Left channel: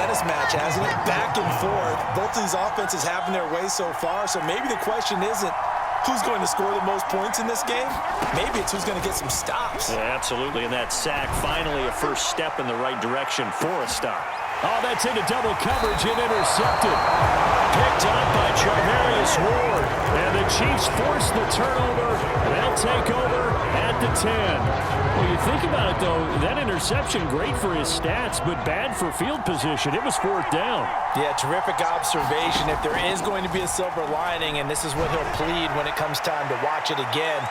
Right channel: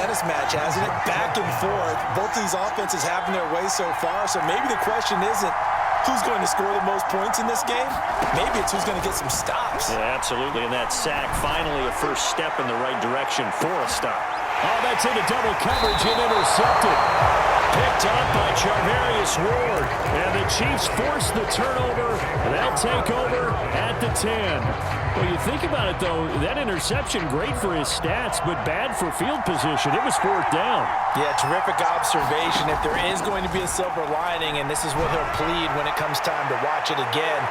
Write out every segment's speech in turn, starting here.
tennis match, hasn't it? Back and forth. Both of these offenses having their way so far, so maybe the question isn't who's going to score the most points in this game. Maybe it's who's going to get some stops. Yeah, absolutely, and that sack finally a first step in the right direction for a stop. Oh, that's into double coverage and intercepted. Picked up by Charvarius Ward. And the Chiefs force the turnover. They'll take over at the 10. Well, you think about it, though, that interception, great for his stats, but bad for field position. It was fourth down. Yeah, terrific observation. If there is going to be a silver lining, and this is what he'll plead when it comes time to watch it again,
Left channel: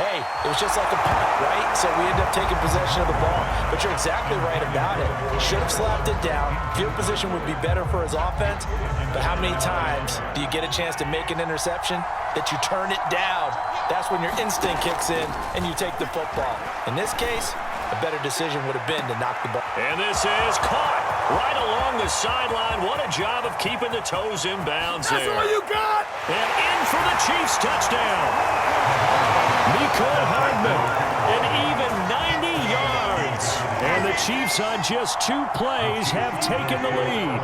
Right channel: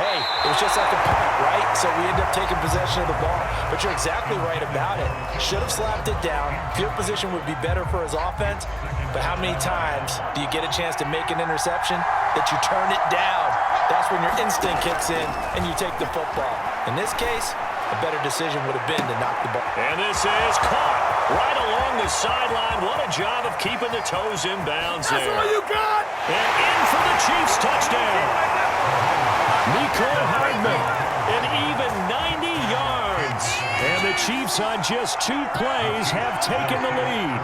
hey, it was just like a punt, right? So we end up taking possession of the ball. But you're exactly right about it. Should have slapped it down. Field position would be better for his offense. But how many times do you get a chance to make an interception that you turn it down? That's when your instinct kicks in and you take the football. In this case, a better decision would have been to knock the ball. And this is caught right along the sideline. What a job of keeping the toes in bounds there. That's all you got! And in for the Chiefs touchdown. Mecole Hardman, an even 90 yards. And the Chiefs on just 2 plays have taken the lead.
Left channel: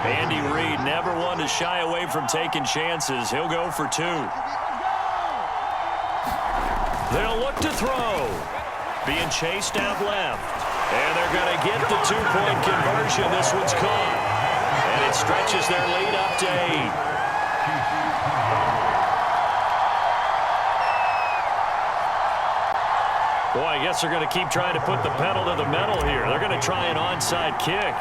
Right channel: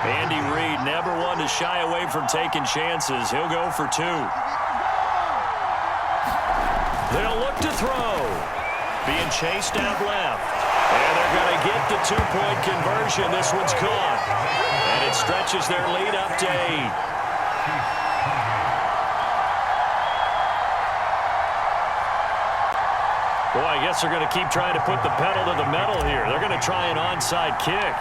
Andy Reid never one to shy away from taking chances. He'll go for 2. They'll look to throw. Being chased out left. And they're going to get the 2-point conversion. This one's caught. And it stretches their lead up to 8. Boy, I guess they're going to keep trying to put the pedal to the metal here. They're going to try an onside kick.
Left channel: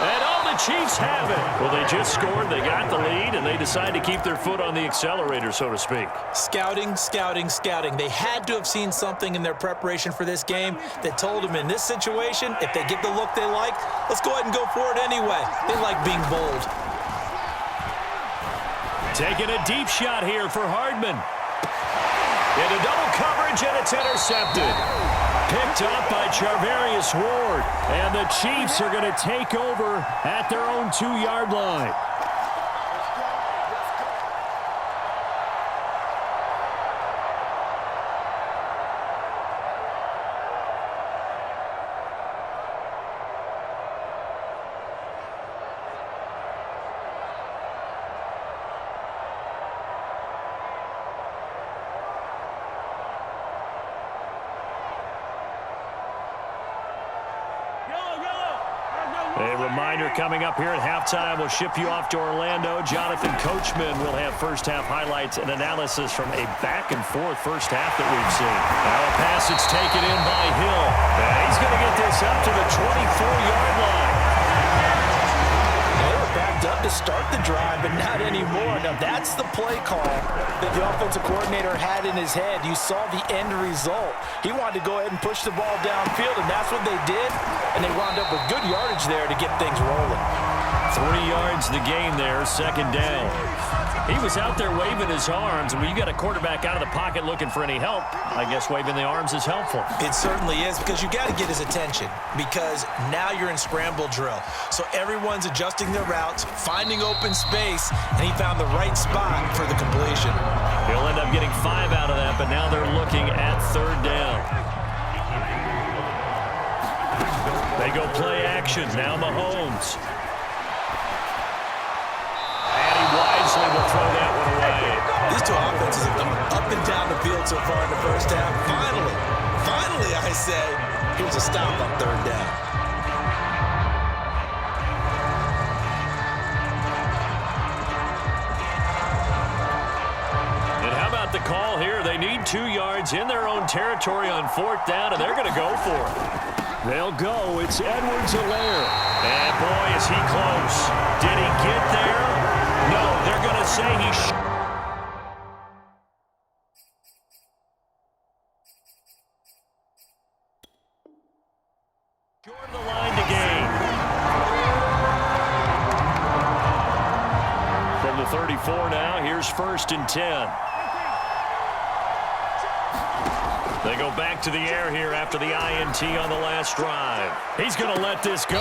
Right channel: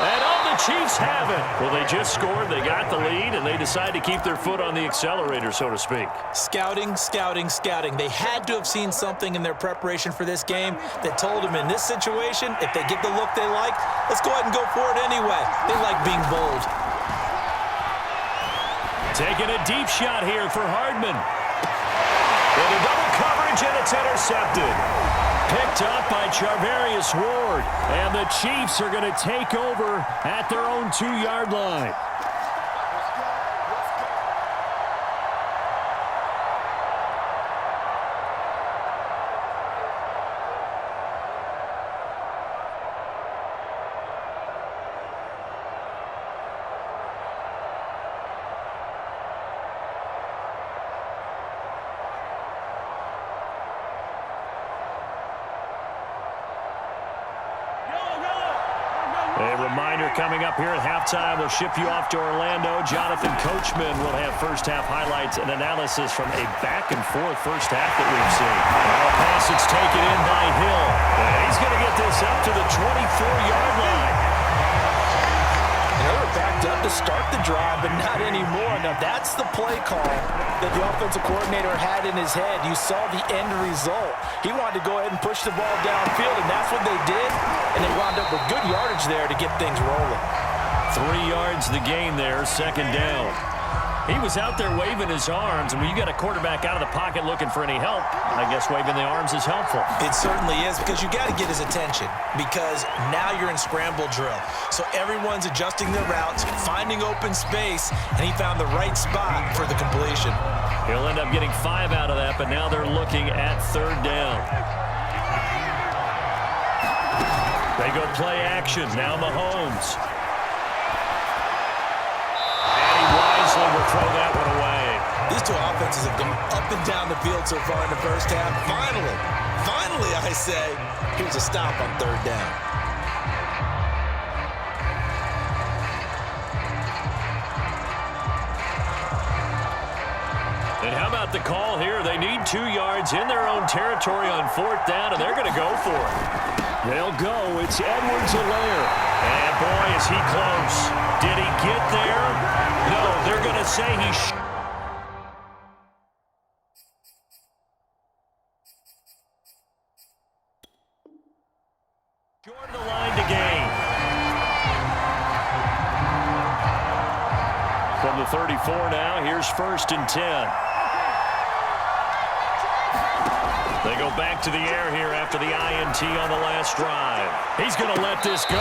And oh, the Chiefs have it. Well, they just scored, they got the lead, and they decide to keep their foot on the accelerator, so to speak. Scouting, scouting, scouting. They had to have seen something in their preparation for this game that told them in this situation, if they get the look they like, let's go ahead and go for it anyway. They like being bold. Taking a deep shot here for Hardman. Into double coverage, and it's intercepted. Picked up by Charvarius Ward. And the Chiefs are going to take over at their own 2-yard line. A reminder coming up here at halftime. We'll ship you off to Orlando. Jonathan Coachman will have first-half highlights and analysis from a back-and-forth first half that we've seen. Now a pass that's taken in by Hill. And he's going to get this up to the 24-yard line. And they were backed up to start the drive, but not anymore. Now that's the play call that the offensive coordinator had in his head. You saw the end result. He wanted to go ahead and push the ball downfield, and that's what they did. And they wound up with good yardage there to get things rolling. 3 yards the gain there, second down. He was out there waving his arms, and when you got a quarterback out of the pocket looking for any help, I guess waving the arms is helpful. It certainly is, because you got to get his attention, because now you're in scramble drill. So everyone's adjusting their routes, finding open space, and he found the right spot for the completion. He'll end up getting 5 out of that, but now they're looking at third down. They go play action. Now Mahomes. And he wisely will throw that one away. These two offenses have gone up and down the field so far in the first half. Finally, I say, here's a stop on third down. And how about the call here? They need 2 yards in their own territory on fourth down, and they're going to go for it. They'll go. It's Edwards-Helaire. And boy, is he close. Did he get there? No, they're going to say he short of the line to gain. From the 34 now, here's first and 10. They go back to the air here after the INT on the last drive. He's going to let this go.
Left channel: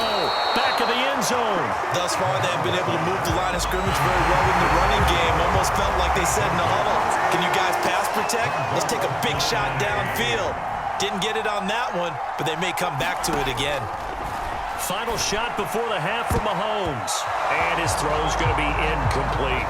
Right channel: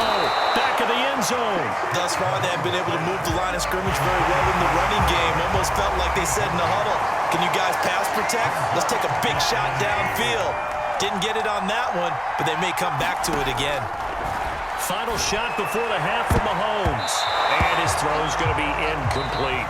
Back of the end zone. Thus far, they have been able to move the line of scrimmage very well in the running game. Almost felt like they said in the huddle, can you guys pass protect? Let's take a big shot downfield. Didn't get it on that one, but they may come back to it again. Final shot before the half from Mahomes. And his throw's going to be incomplete.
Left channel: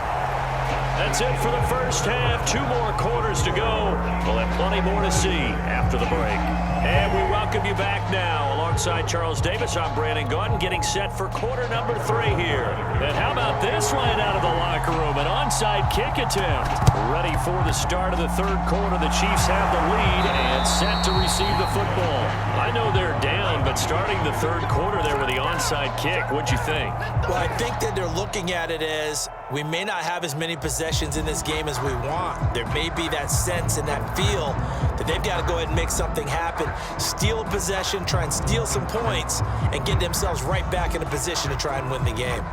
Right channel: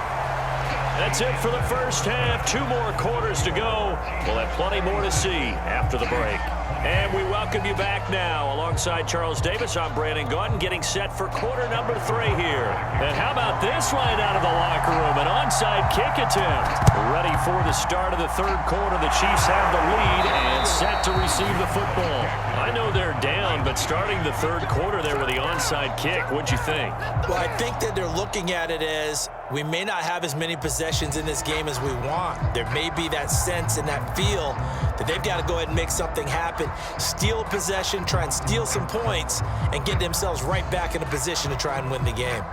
That's it for the first half. 2 more quarters to go. We'll have plenty more to see after the break. And we welcome you back now. Alongside Charles Davis, I'm Brandon Gaudin, getting set for quarter number 3 here. And how about this right out of the locker room? An onside kick attempt. Ready for the start of the third quarter. The Chiefs have the lead and set to receive the football. I know they're down, but starting the third quarter there with the onside kick, what'd you think? Well, I think that they're looking at it as we may not have as many possessions in this game as we want. There may be that sense and that feel that they've got to go ahead and make something happen, steal a possession, try and steal some points, and get themselves right back in a position to try and win the game.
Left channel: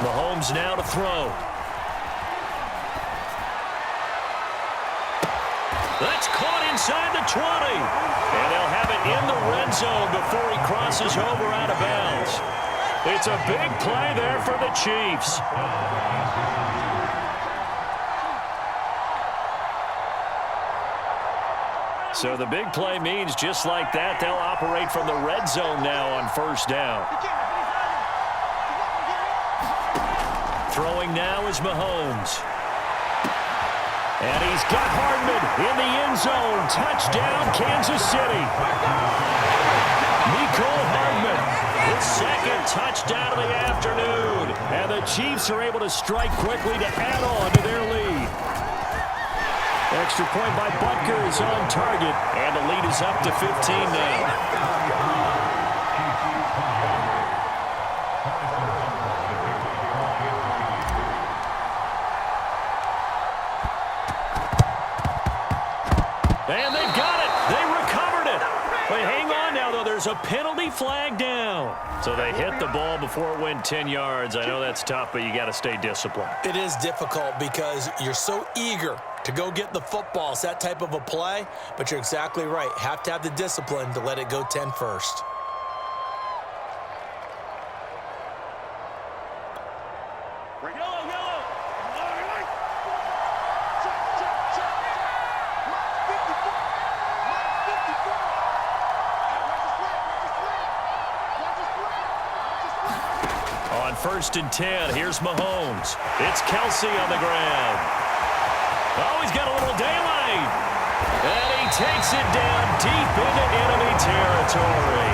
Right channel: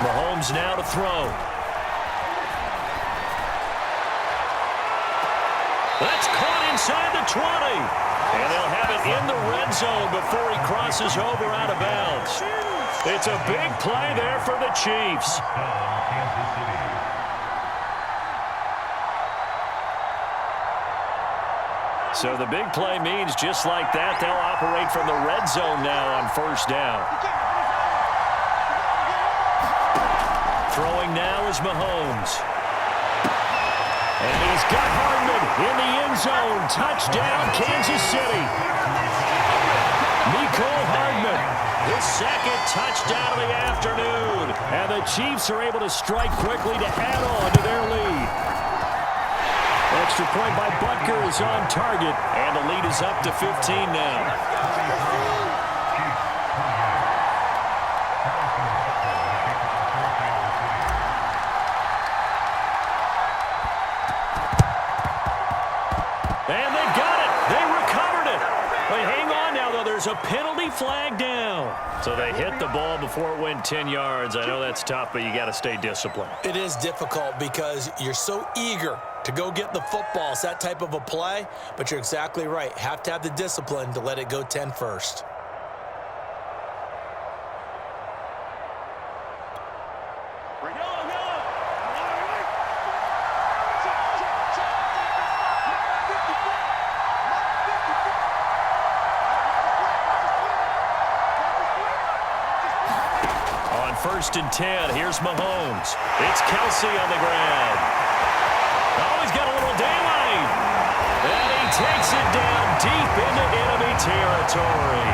Mahomes now to throw. That's caught inside the 20. And they'll have it in the red zone before he crosses over out of bounds. It's a big play there for the Chiefs. So the big play means just like that, they'll operate from the red zone now on first down. Throwing now is Mahomes. And he's got Hardman in the end zone. Touchdown, Kansas City. Mecole Hardman, his second touchdown of the afternoon. And the Chiefs are able to strike quickly to add on to their lead. Extra point by Butker is on target. And the lead is up to 15 now. And they've got it. They recovered it. But hang on now, though. There's a penalty flag down. So they hit the ball before it went 10 yards. I know that's tough, but you got to stay disciplined. It is difficult because you're so eager to go get the football. It's that type of a play, but you're exactly right. Have to have the discipline to let it go 10 first. On 1st and 10, here's Mahomes. It's Kelsey on the ground. Oh, he's got a little daylight. And he takes it down deep into enemy territory.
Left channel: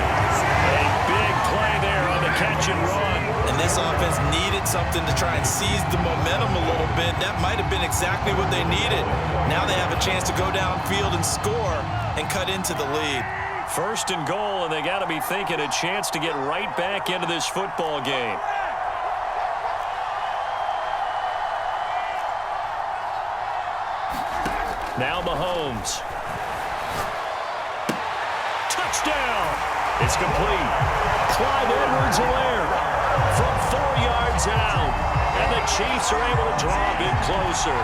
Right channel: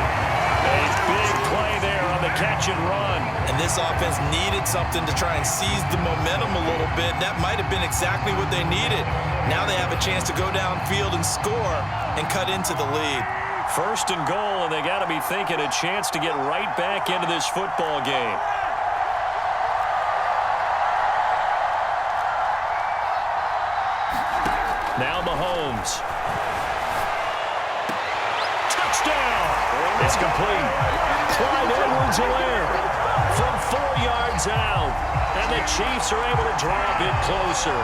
A big play there on the catch and run. And this offense needed something to try and seize the momentum a little bit. That might have been exactly what they needed. Now they have a chance to go downfield and score and cut into the lead. 1st and goal, and they got to be thinking a chance to get right back into this football game. Now Mahomes. Touchdown! It's complete. Clyde Edwards-Helaire from 4 yards out. And the Chiefs are able to draw a bit closer.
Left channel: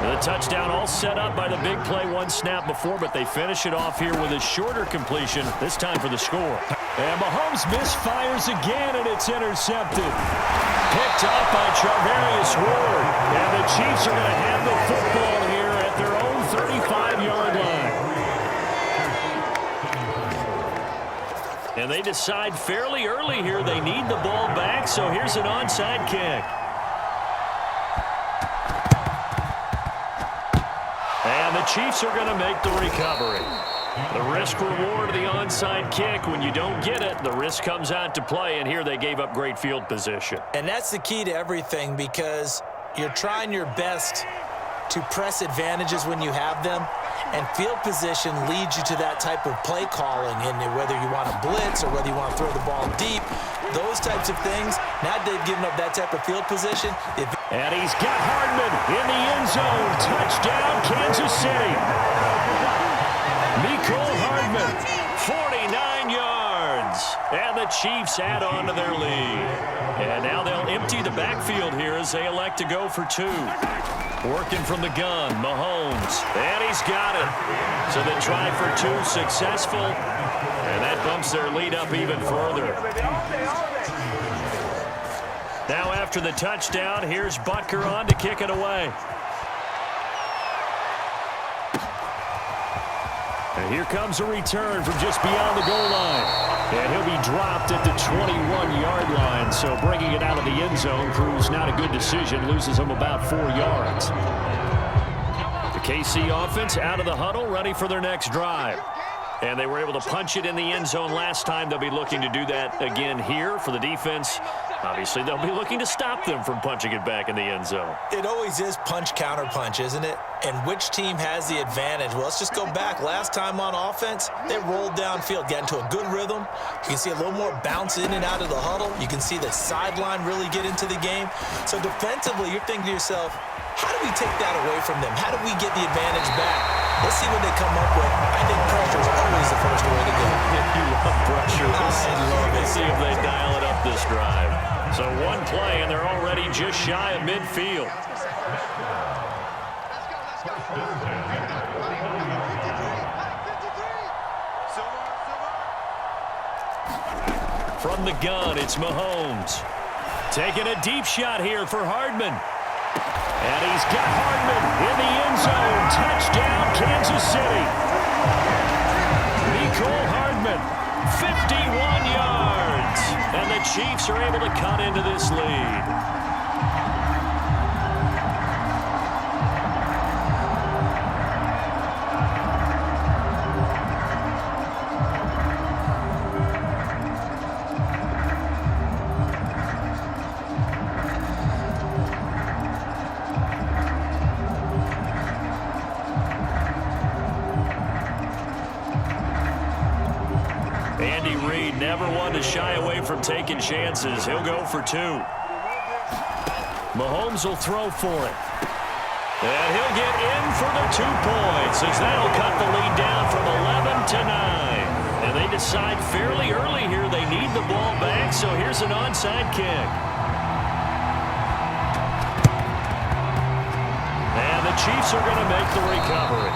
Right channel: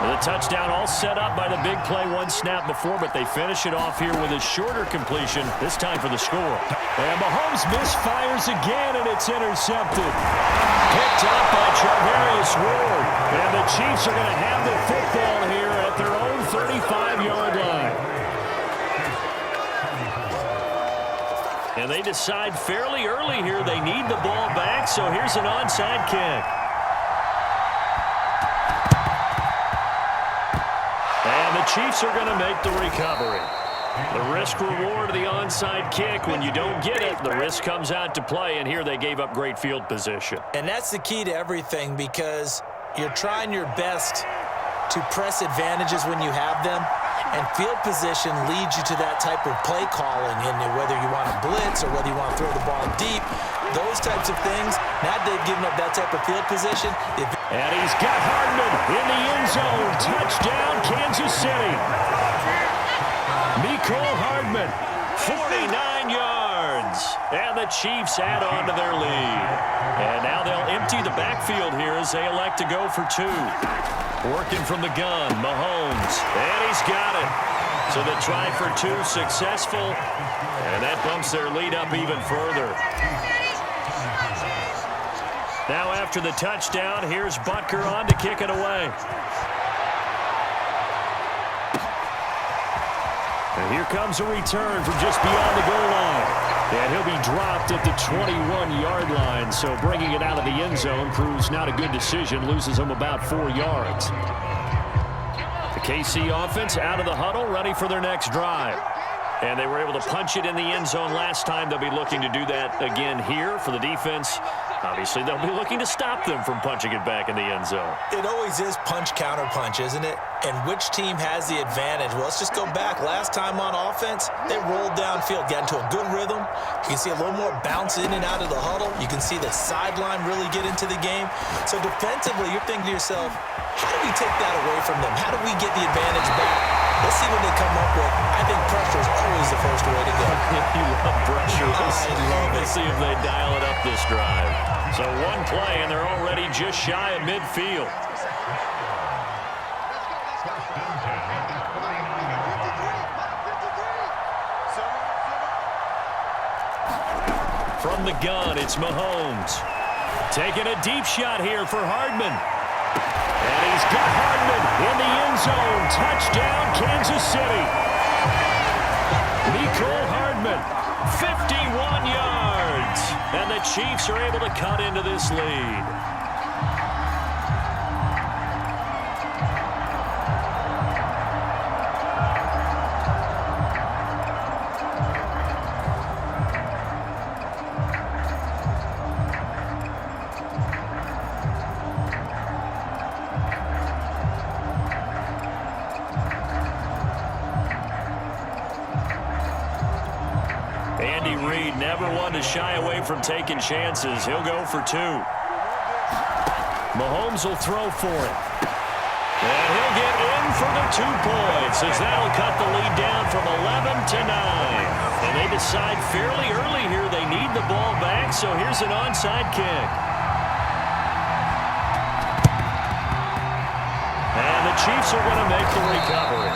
The touchdown all set up by the big play 1 snap before, but they finish it off here with a shorter completion, this time for the score. And Mahomes misfires again, and it's intercepted. Picked up by Charvarius Ward. And the Chiefs are going to have the football here at their own 35-yard line. And they decide fairly early here they need the ball back, so here's an onside kick. And the Chiefs are going to make the recovery. The risk-reward of the onside kick, when you don't get it, the risk comes out to play, and here they gave up great field position. And that's the key to everything, because you're trying your best to press advantages when you have them, and field position leads you to that type of play calling, and whether you want to blitz or whether you want to throw the ball deep, those types of things. Now they've given up that type of field position. And he's got Hardman in the end zone. Touchdown, Kansas City. Mecole Hardman, 49 yards. And the Chiefs add on to their lead. And now they'll empty the backfield here as they elect to go for 2. Working from the gun, Mahomes. And he's got it. So the try for 2 successful. And that bumps their lead up even further. Now after the touchdown, here's Butker on to kick it away. And here comes a return from just beyond the goal line. And he'll be dropped at the 21-yard line. So bringing it out of the end zone proves not a good decision. Loses him about 4 yards. The KC offense out of the huddle, ready for their next drive. And they were able to punch it in the end zone last time. They'll be looking to do that again here for the defense. Obviously, they'll be looking to stop them from punching it back in the end zone. It always is punch, counter punch, isn't it? And which team has the advantage? Well, let's just go back. Last time on offense, they rolled downfield, got into a good rhythm. You can see a little more bounce in and out of the huddle. You can see the sideline really get into the game. So defensively, you're thinking to yourself, how do we take that away from them? How do we get the advantage back? Let's see what they come up with. I think pressure is always the first way to go. You love pressure. I love it. Let's see if they dial it up this drive. So one play, and they're already just shy of midfield. From the gun, it's Mahomes. Taking a deep shot here for Hardman. And he's got Hardman in the end zone. Touchdown, Kansas City. Mecole Hardman, 51 yards. And the Chiefs are able to cut into this lead. Andy Reid never one to shy away from taking chances. He'll go for 2. Mahomes will throw for it. And he'll get in for the 2 points as that'll cut the lead down from 11 to 9. And they decide fairly early here they need the ball back, so here's an onside kick. And the Chiefs are going to make the recovery.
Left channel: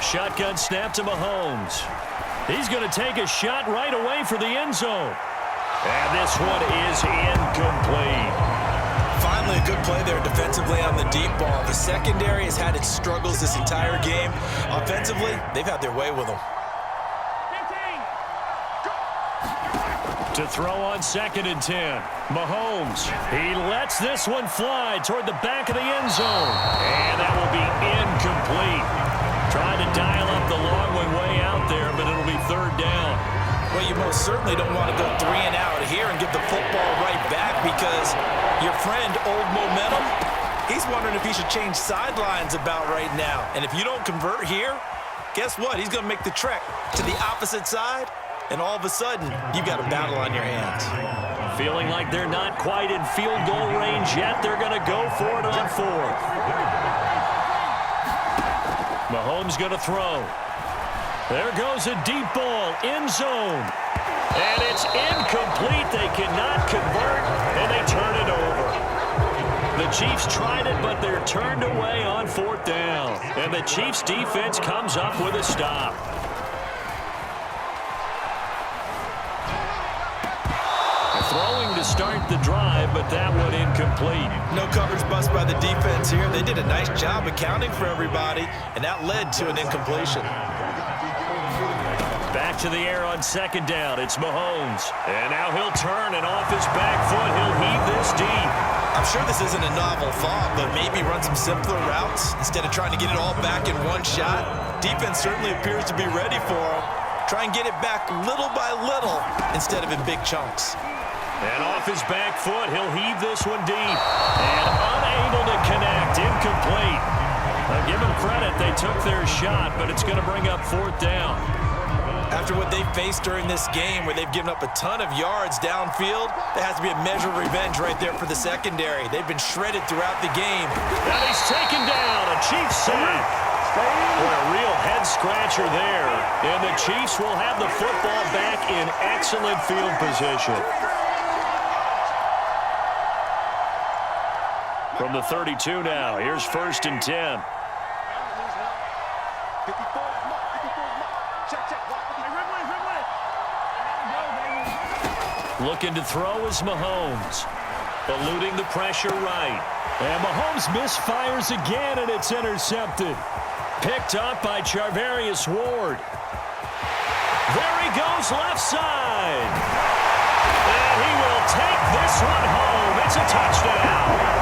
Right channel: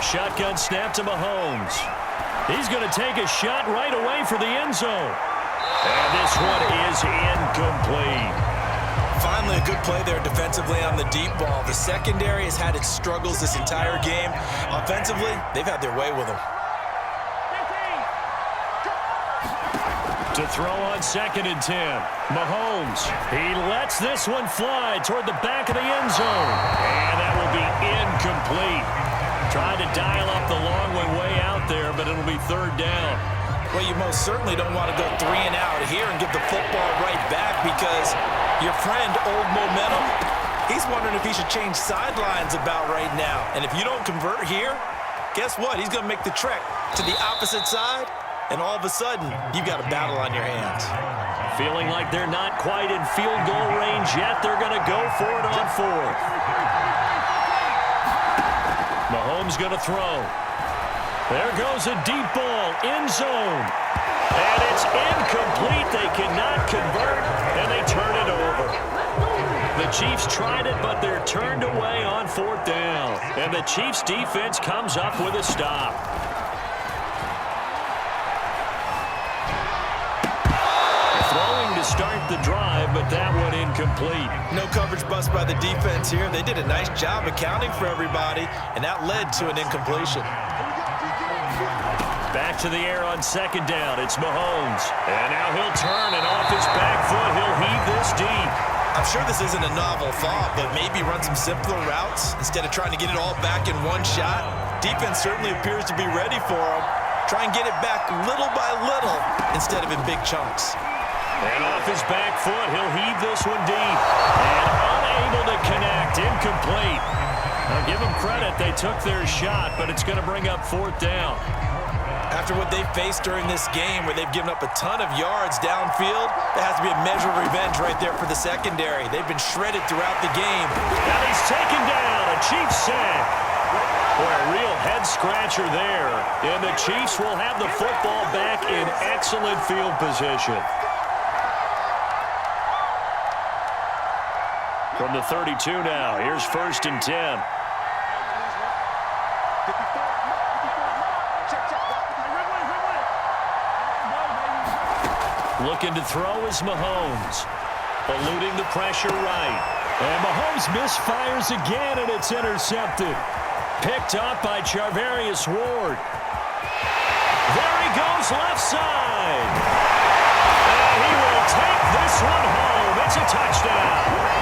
Shotgun snap to Mahomes. He's going to take a shot right away for the end zone. And this one is incomplete. Finally, a good play there defensively on the deep ball. The secondary has had its struggles this entire game. Offensively, they've had their way with them. To throw on 2nd and 10. Mahomes. He lets this one fly toward the back of the end zone. And that will be incomplete. Trying to dial up the long one way out there, but it'll be 3rd down. Well, you most certainly don't want to go 3 and out here and give the football right back because your friend, Old Momentum, he's wondering if he should change sidelines about right now. And if you don't convert here, guess what? He's going to make the trek to the opposite side, and all of a sudden, you've got a battle on your hands. Feeling like they're not quite in field goal range yet, they're going to go for it on 4th. Mahomes going to throw. There goes a deep ball, end zone. And it's incomplete. They cannot convert, and they turn it over. The Chiefs tried it, but they're turned away on 4th down. And the Chiefs defense comes up with a stop. Throwing to start the drive, but that one incomplete. No coverage bust by the defense here. They did a nice job accounting for everybody, and that led to an incompletion. Back to the air on 2nd down. It's Mahomes. And now he'll turn, and off his back foot, he'll heave this deep. I'm sure this isn't a novel thought, but maybe run some simpler routes instead of trying to get it all back in one shot. Defense certainly appears to be ready for him. Try and get it back little by little instead of in big chunks. And off his back foot, he'll heave this one deep. And unable to connect, incomplete. Now give them credit, they took their shot, but it's going to bring up 4th down. After what they've faced during this game, where they've given up a ton of yards downfield, there has to be a measure of revenge right there for the secondary. They've been shredded throughout the game. And he's taken down, a Chiefs sack. Boy, a real head-scratcher there. And the Chiefs will have the football back in excellent field position. From the 32 now, here's 1st and 10. Looking to throw is Mahomes. Eluding the pressure right. And Mahomes misfires again, and it's intercepted. Picked up by Charvarius Ward. There he goes, left side. And he will take this one home. It's a touchdown.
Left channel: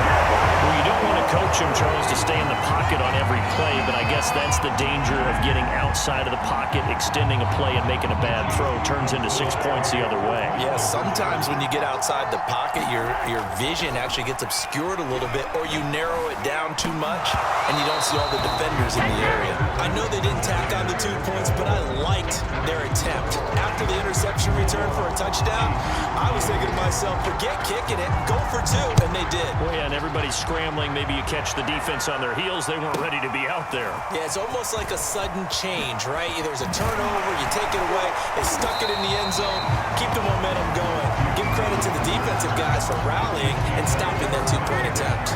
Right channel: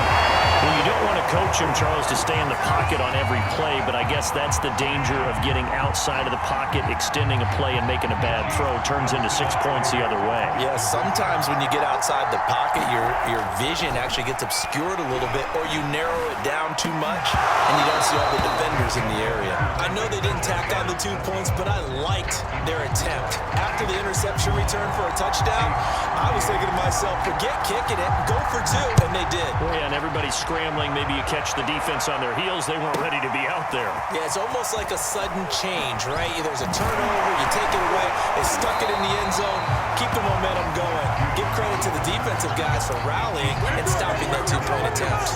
Well, you don't want to coach him, Charles, to stay in the pocket on every play, but I guess that's the danger of getting outside of the pocket, extending a play, and making a bad throw. Turns into 6 points the other way. Yeah, sometimes when you get outside the pocket, your vision actually gets obscured a little bit, or you narrow it down too much, and you don't see all the defenders in the area. I know they didn't tack on the 2 points, but I liked their attempt. After the interception return for a touchdown, I was thinking to myself, forget kicking it, go for 2, and they did. Well, yeah, and everybody's scrambling. Maybe you catch the defense on their heels. They weren't ready to be out there. Yeah, it's almost like a sudden change, right? There's a turnover, you take it away, they stuck it in the end zone, keep the momentum going. Give credit to the defensive guys for rallying and stopping that 2-point attempt.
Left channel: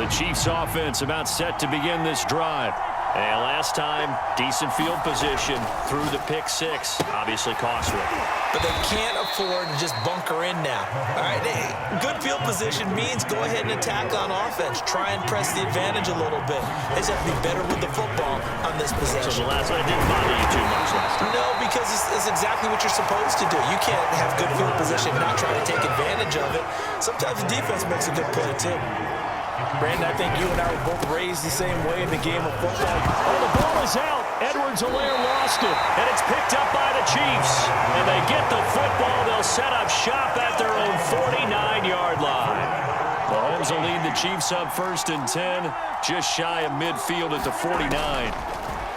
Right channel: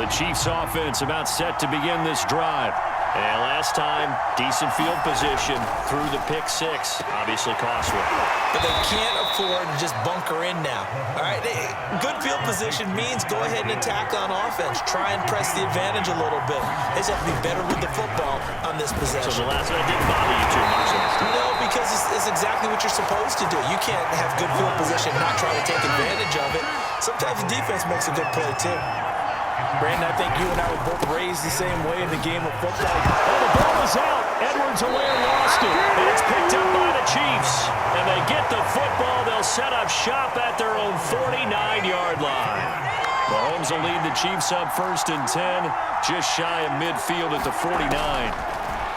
The Chiefs offense about set to begin this drive. And last time, decent field position through the pick 6. Obviously costly. But they can't afford to just bunker in now. All right, good field position means go ahead and attack on offense. Try and press the advantage a little bit. They just have to be better with the football on this possession. So the last one didn't bother you too much last time? No, because it's exactly what you're supposed to do. You can't have good field position and not try to take advantage of it. Sometimes the defense makes a good play, too. Brandon, I think you and I were both raised the same way in the game of football. Oh, the ball is out. Edwards-Helaire lost it, and it's picked up by the Chiefs. And they get the football. They'll set up shop at their own 49-yard line. Mahomes will lead the Chiefs up 1st and 10, just shy of midfield at the 49.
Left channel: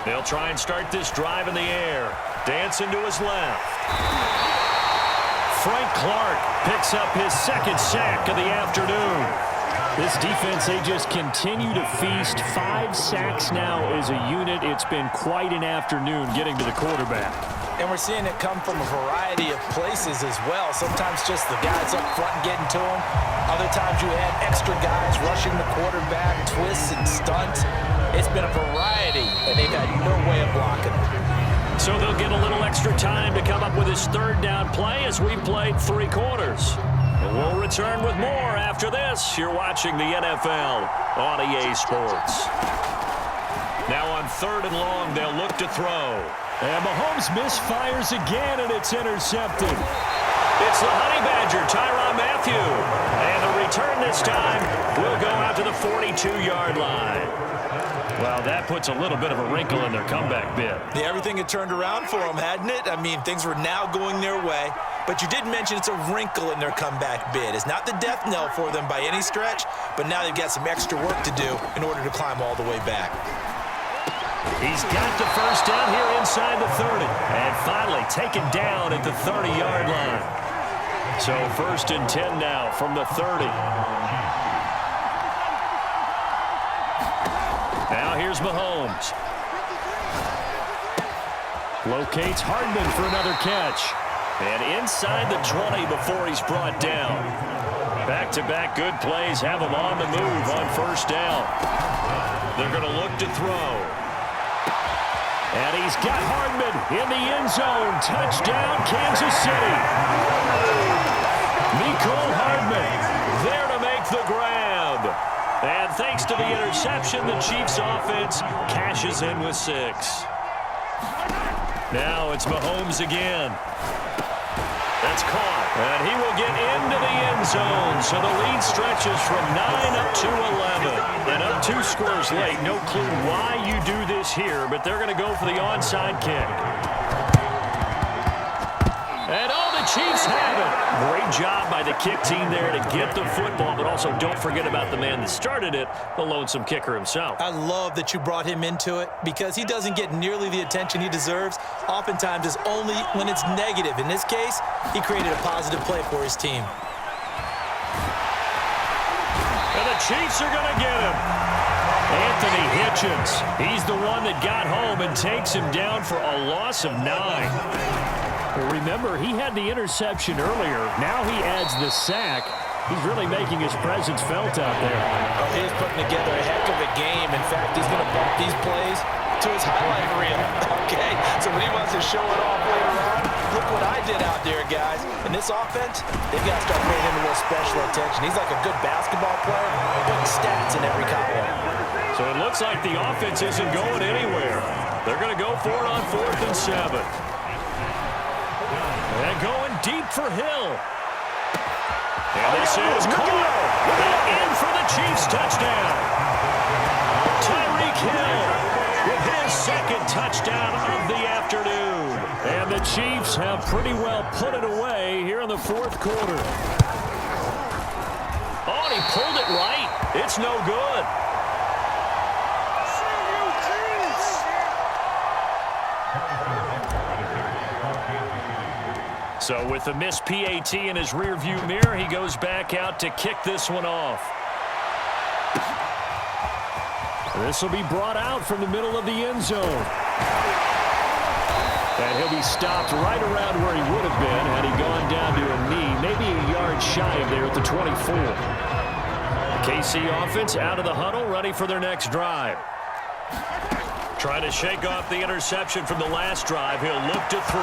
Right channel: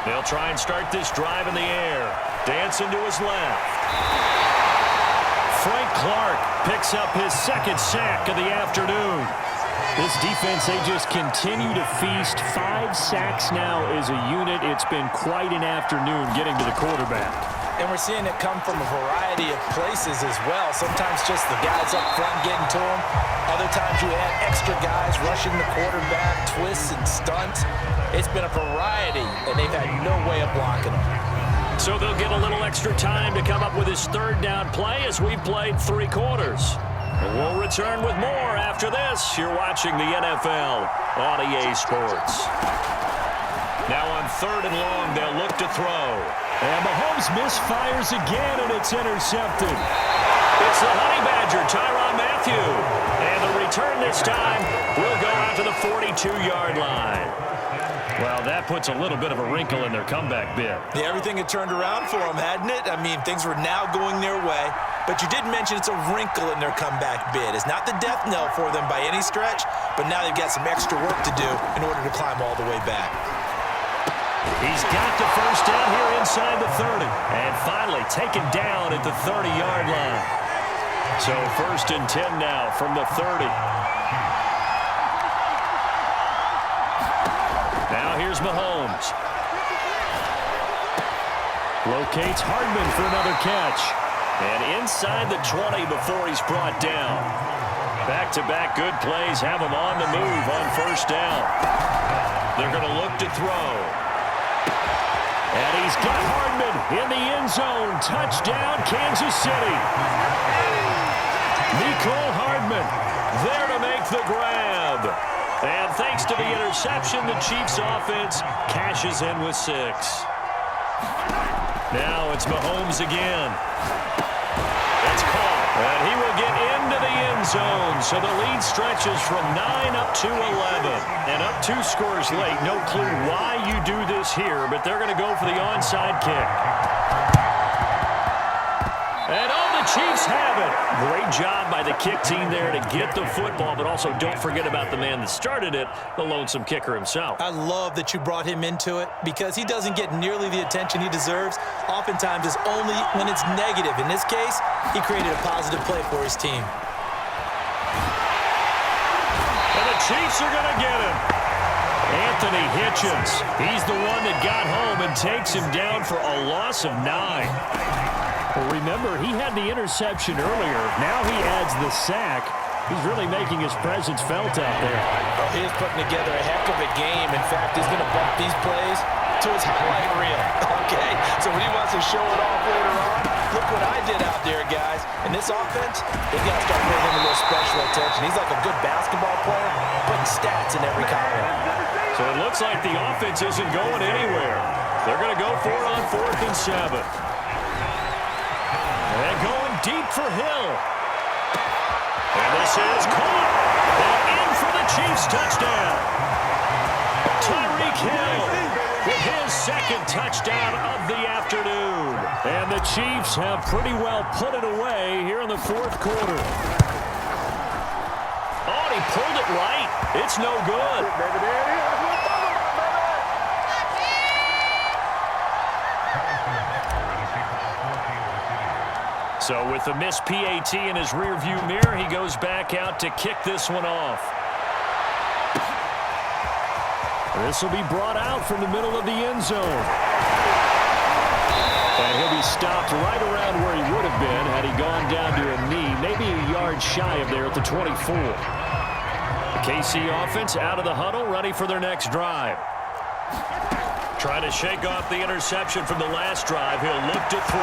They'll try and start this drive in the air. Dancing to his left. Frank Clark picks up his 2nd sack of the afternoon. This defense, they just continue to feast. 5 sacks now as a unit. It's been quite an afternoon getting to the quarterback. And we're seeing it come from a variety of places as well. Sometimes just the guys up front getting to him. Other times you add extra guys rushing the quarterback, twists and stunts. It's been a variety, and they've had no way of blocking them. So they'll get a little extra time to come up with his 3rd down play as we've played 3 quarters. We'll return with more after this. You're watching the NFL on EA Sports. Now on 3rd and long, they'll look to throw. And Mahomes misfires again, and it's intercepted. It's the Honey Badger, Tyrann Mathieu. And the return this time will go out to the 42-yard line. Well, that puts a little bit of a wrinkle in their comeback bid. Yeah, everything had turned around for them, hadn't it? I mean, things were now going their way. But you did mention it's a wrinkle in their comeback bid. It's not the death knell for them by any stretch, but now they've got some extra work to do in order to climb all the way back. He's got the 1st down here inside the 30. And finally taken down at the 30-yard line. So 1st and 10 now from the 30. Now here's Mahomes. Locates Hardman for another catch. And inside the 20 before he's brought down. Back-to-back good plays have him on the move on 1st down. They're going to look to throw. And he's got Hardman in the end zone. Touchdown, Kansas City. Mecole Hardman there to make the grab. And thanks to the interception, the Chiefs offense cashes in with 6. Now it's Mahomes again. That's caught, and he will get into the end zone. So the lead stretches from 9 up to 11. And up 2 scores late. No clue why you do this here, but they're going to go for the onside kick. And oh, the Chiefs have it. Great job by the kick team there to get the football, but also don't forget about the man that started it, the lonesome kicker himself. I love that you brought him into it because he doesn't get nearly the attention he deserves. Oftentimes it's only when it's negative. In this case, he created a positive play for his team. And the Chiefs are going to get him. Anthony Hitchens. He's the one that got home and takes him down for a loss of 9. Well, remember, he had the interception earlier. Now he adds the sack. He's really making his presence felt out there. Oh, he is putting together a heck of a game. In fact, he's going to bump these plays to his highlight reel. Okay, so when he wants to show it off later on, look what I did out there, guys. In this offense, they've got to start paying him a little special attention. He's like a good basketball player, putting stats in every column. So it looks like the offense isn't going anywhere. They're going to go for it on 4th and 7. And going deep for Hill. And this is caught. And in for the Chiefs touchdown. Tyreek Hill with his second touchdown of the afternoon. And the Chiefs have pretty well put it away here in the 4th quarter. Oh, and he pulled it right. It's no good. So with the missed PAT in his rearview mirror, he goes back out to kick this one off. This will be brought out from the middle of the end zone. And he'll be stopped right around where he would have been had he gone down to a knee, maybe a yard shy of there at the 24. The KC offense out of the huddle, ready for their next drive. Trying to shake off the interception from the last drive. He'll look to throw.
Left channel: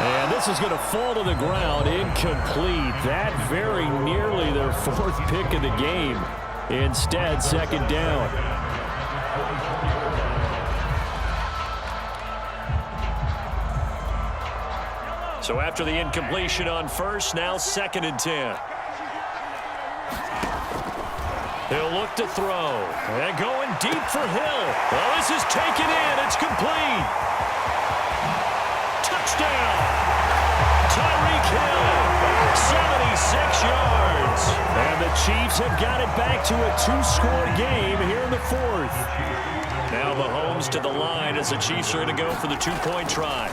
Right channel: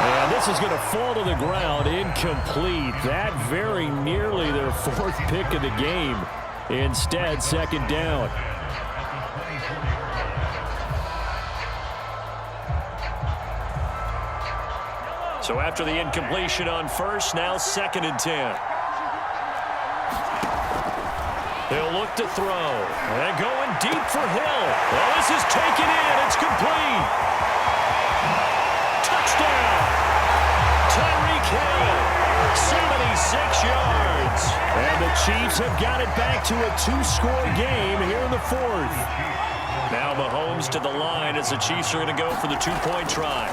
And this is going to fall to the ground, incomplete. That very nearly their 4th pick of the game. Instead, 2nd down. So after the incompletion on 1st, now 2nd and 10. They'll look to throw. And going deep for Hill. Oh, this is taken in. It's complete. Touchdown. Tyreek Hill. 76 yards. And the Chiefs have got it back to a 2-score game here in the 4th. Now Mahomes to the line as the Chiefs are going to go for the 2-point try.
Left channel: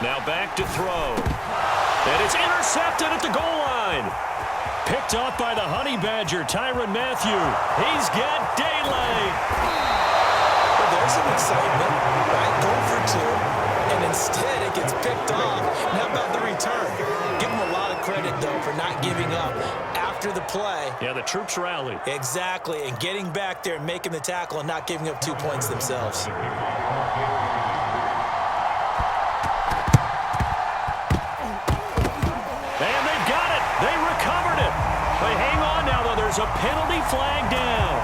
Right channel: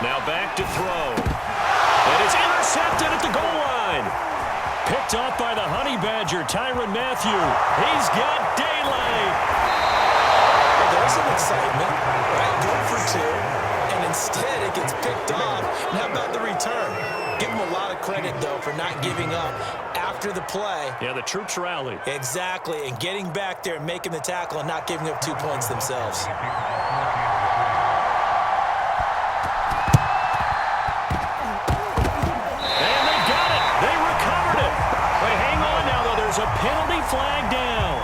Now back to throw. And it's intercepted at the goal line. Picked off by the Honey Badger, Tyrann Mathieu. He's got daylight. Well, there's some excitement, right? Go for 2, and instead it gets picked off. And how about the return? Give him a lot of credit, though, for not giving up after the play. Yeah, the troops rallied. Exactly, and getting back there and making the tackle and not giving up 2 points themselves. And they've got it. They recovered it. But hang on now, though. There's a penalty flag down.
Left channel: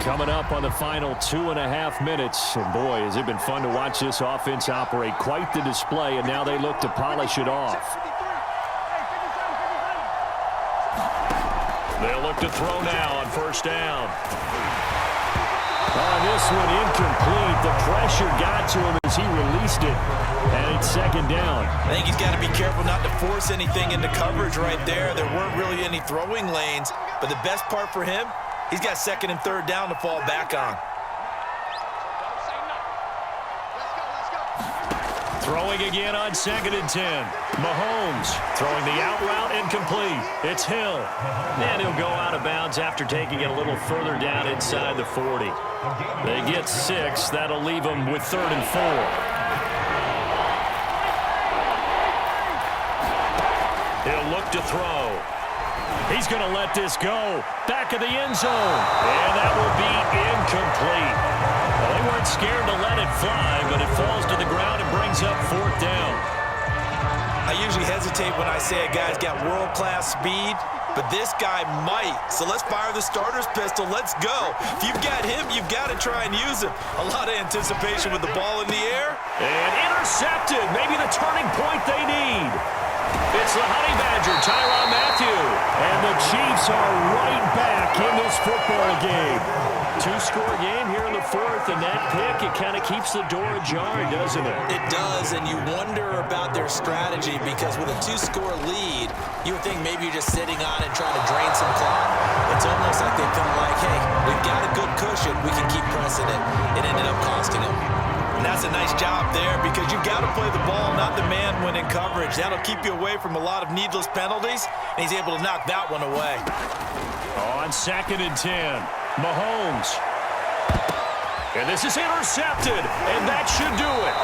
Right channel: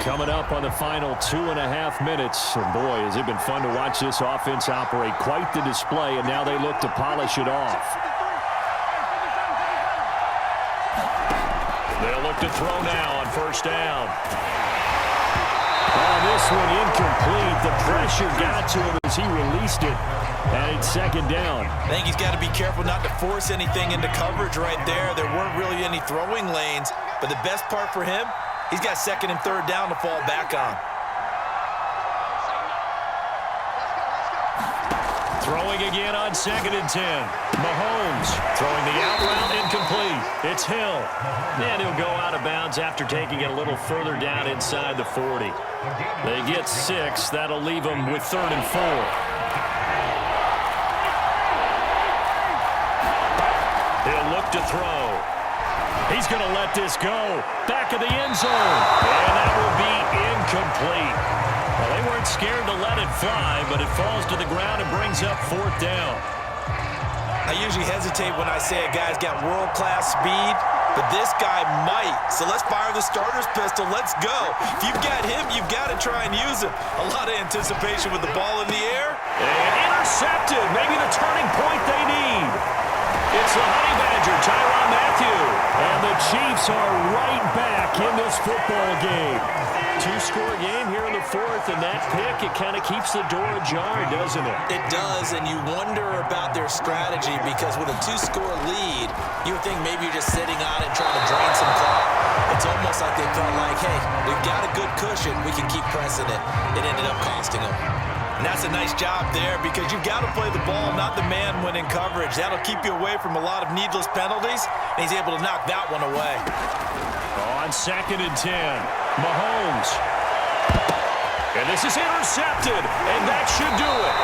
Coming up on the final 2.5 minutes. And boy, has it been fun to watch this offense operate. Quite the display, and now they look to polish it off. They'll look to throw now on 1st down. On this one, incomplete. The pressure got to him as he released it. And it's 2nd down. I think he's got to be careful not to force anything into coverage right there. There weren't really any throwing lanes. But the best part for him, he's got 2nd and 3rd down to fall back on. Throwing again on 2nd and 10. Mahomes throwing the out route, incomplete. It's Hill. And he'll go out of bounds after taking it a little further down inside the 40. They get 6. That'll leave them with 3rd and 4. He'll look to throw. He's going to let this go. Back of the end zone. And that will be incomplete. Well, they weren't scared to let it fly, but it falls to the ground and brings up 4th down. I usually hesitate when I say a guy's got world-class speed, but this guy might. So let's fire the starter's pistol. Let's go. If you've got him, you've got to try and use him. A lot of anticipation with the ball in the air. And intercepted. Maybe the turning point they need. It's the Honey Badger, Tyrann Mathieu. And the Chiefs are right back in this football game. 2-score game here in the 4th, and that pick, it kind of keeps the door ajar, doesn't it? It does, and you wonder about their strategy because with a 2-score lead, you would think maybe you're just sitting on it trying to drain some clock. It's almost like they felt like, hey, we've got a good cushion. We can keep pressing it. It ended up costing them. And that's a nice job there because you've got to play the ball, not the man when in coverage. That'll keep you away from a lot of needless penalties, and he's able to knock that one away. On 2nd and 10, Mahomes. And this is intercepted, and that should do it.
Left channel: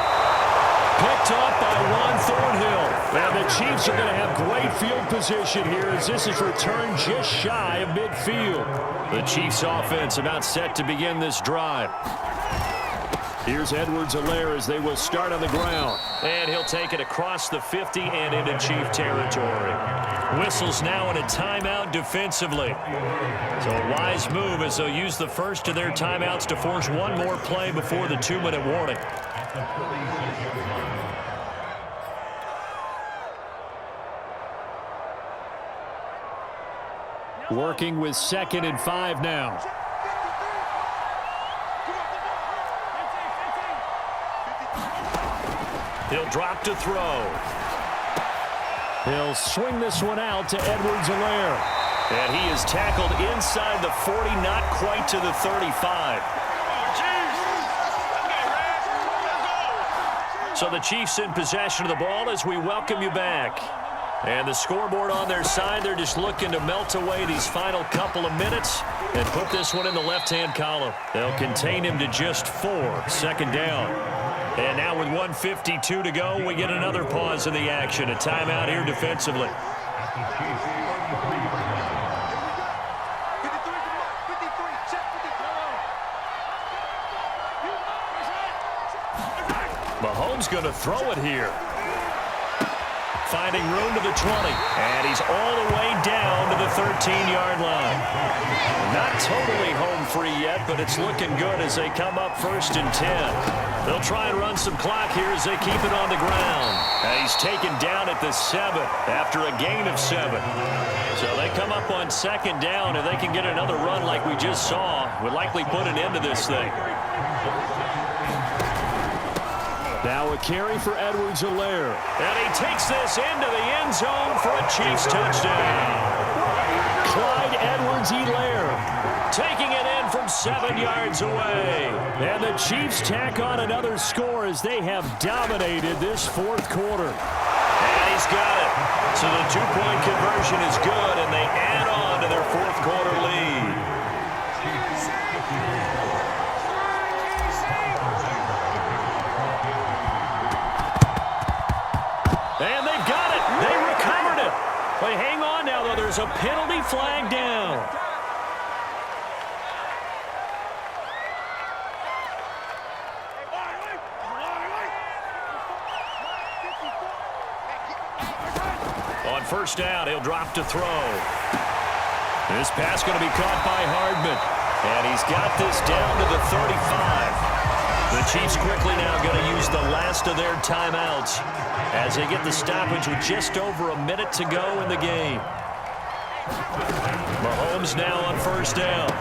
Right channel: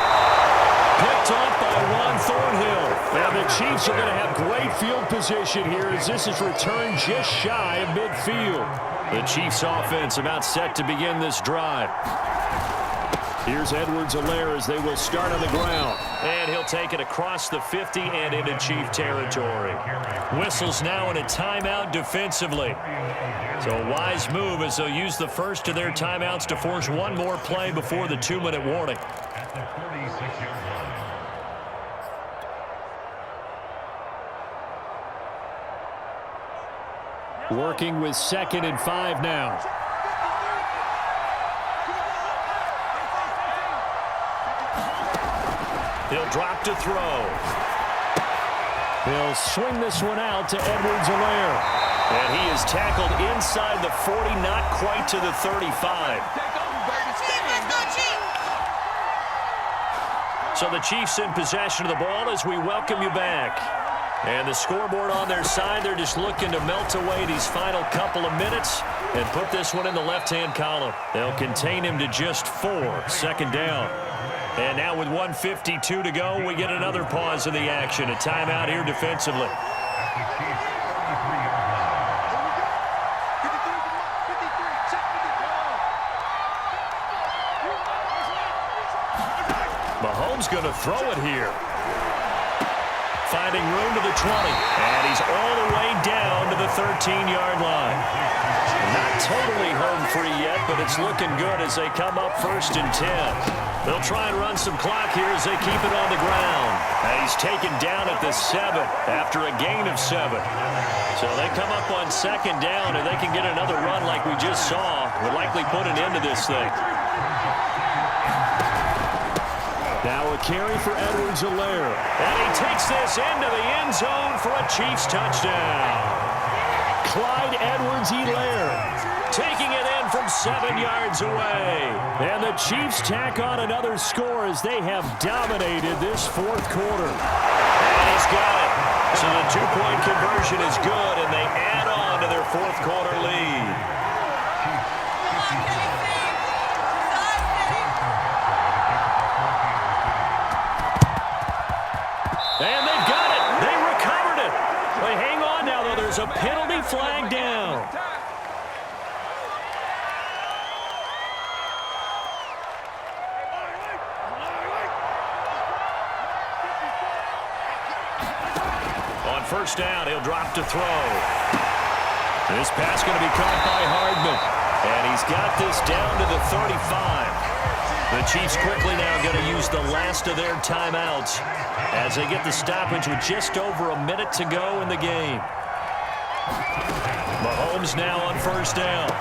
Picked up by Juan Thornhill. And the Chiefs are going to have great field position here as this is returned just shy of midfield. The Chiefs offense about set to begin this drive. Here's Edwards-Helaire as they will start on the ground. And he'll take it across the 50 and into Chief territory. Whistles now in a timeout defensively. So a wise move as they'll use the first of their timeouts to force one more play before the 2-minute warning. Working with 2nd and 5 now. He'll drop to throw. He'll swing this one out to Edwards-Helaire. And he is tackled inside the 40, not quite to the 35. So the Chiefs in possession of the ball as we welcome you back. And the scoreboard on their side, they're just looking to melt away these final couple of minutes and put this one in the left-hand column. They'll contain him to just 4, 2nd down. And now with 1:52 to go, we get another pause in the action. A timeout here defensively. Mahomes going to throw it here. Finding room to the 20. And he's all the way down to the 13-yard line. Not totally home free yet, but it's looking good as they come up 1st and 10. They'll try and run some clock here as they keep it on the ground. And he's taken down at the 7 after a gain of 7. So they come up on 2nd down, and they can get another run like we just saw. Would likely put an end to this thing. Now a carry for Edwards-Helaire. And he takes this into the end zone for a Chiefs touchdown. Clyde Edwards-Helaire taking it in from 7 yards away. And the Chiefs tack on another score as they have dominated this 4th quarter. And he's got it. So the 2-point conversion is good, and they add on to their 4th quarter lead. And they've got it. They recovered it. But hang on now, though. There's a penalty flag down. On 1st down, he'll drop to throw. This pass going to be caught by Hardman. And he's got this down to the 35. The Chiefs quickly now going to use the last of their timeouts as they get the stoppage with just over a minute to go in the game. Mahomes now on 1st down.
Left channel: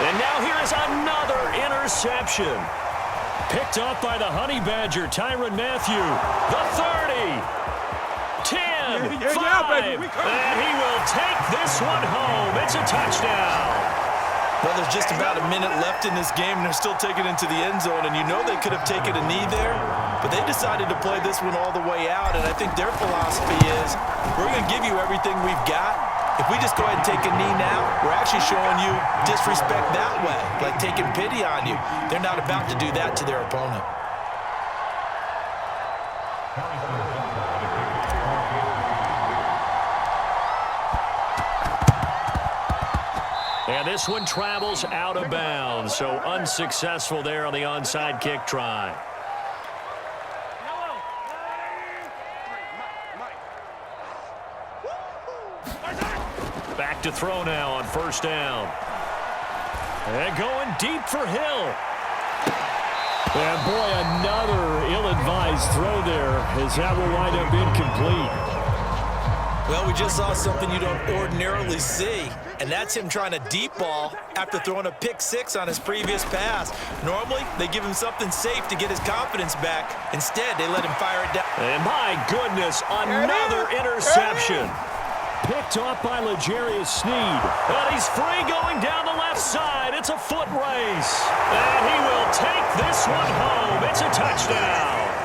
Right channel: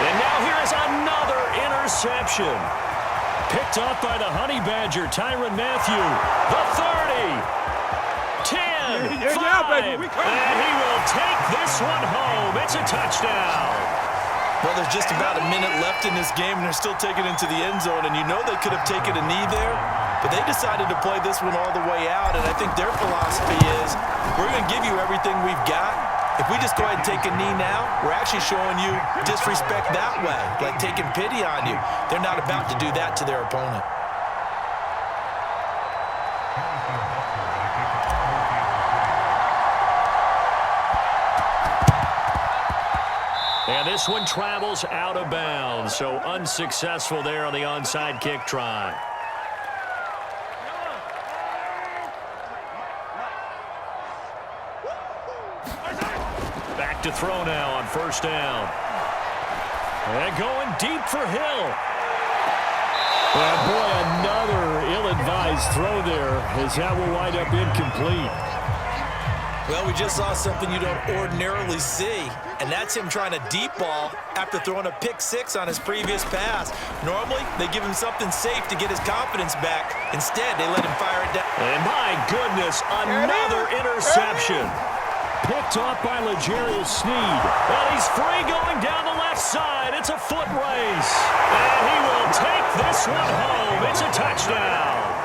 And now here is another interception. Picked up by the Honey Badger, Tyrann Mathieu. The 30. 10, 5, and he will take this one home. It's a touchdown. Well, there's just about a minute left in this game, and they're still taking it into the end zone. And you know they could have taken a knee there, but they decided to play this one all the way out. And I think their philosophy is, we're going to give you everything we've got. If we just go ahead and take a knee now, we're actually showing you disrespect that way, like taking pity on you. They're not about to do that to their opponent. And this one travels out of bounds, so unsuccessful there on the onside kick try. Back to throw now on 1st down. And going deep for Hill. And boy, another ill-advised throw there as that will wind up incomplete. Well, we just saw something you don't ordinarily see, and that's him trying to deep ball after throwing a pick 6 on his previous pass. Normally, they give him something safe to get his confidence back. Instead, they let him fire it down. And my goodness, another interception. Picked off by L'Jarius Sneed. And he's free going down the left side. It's a foot race. And he will take this one home. It's a touchdown.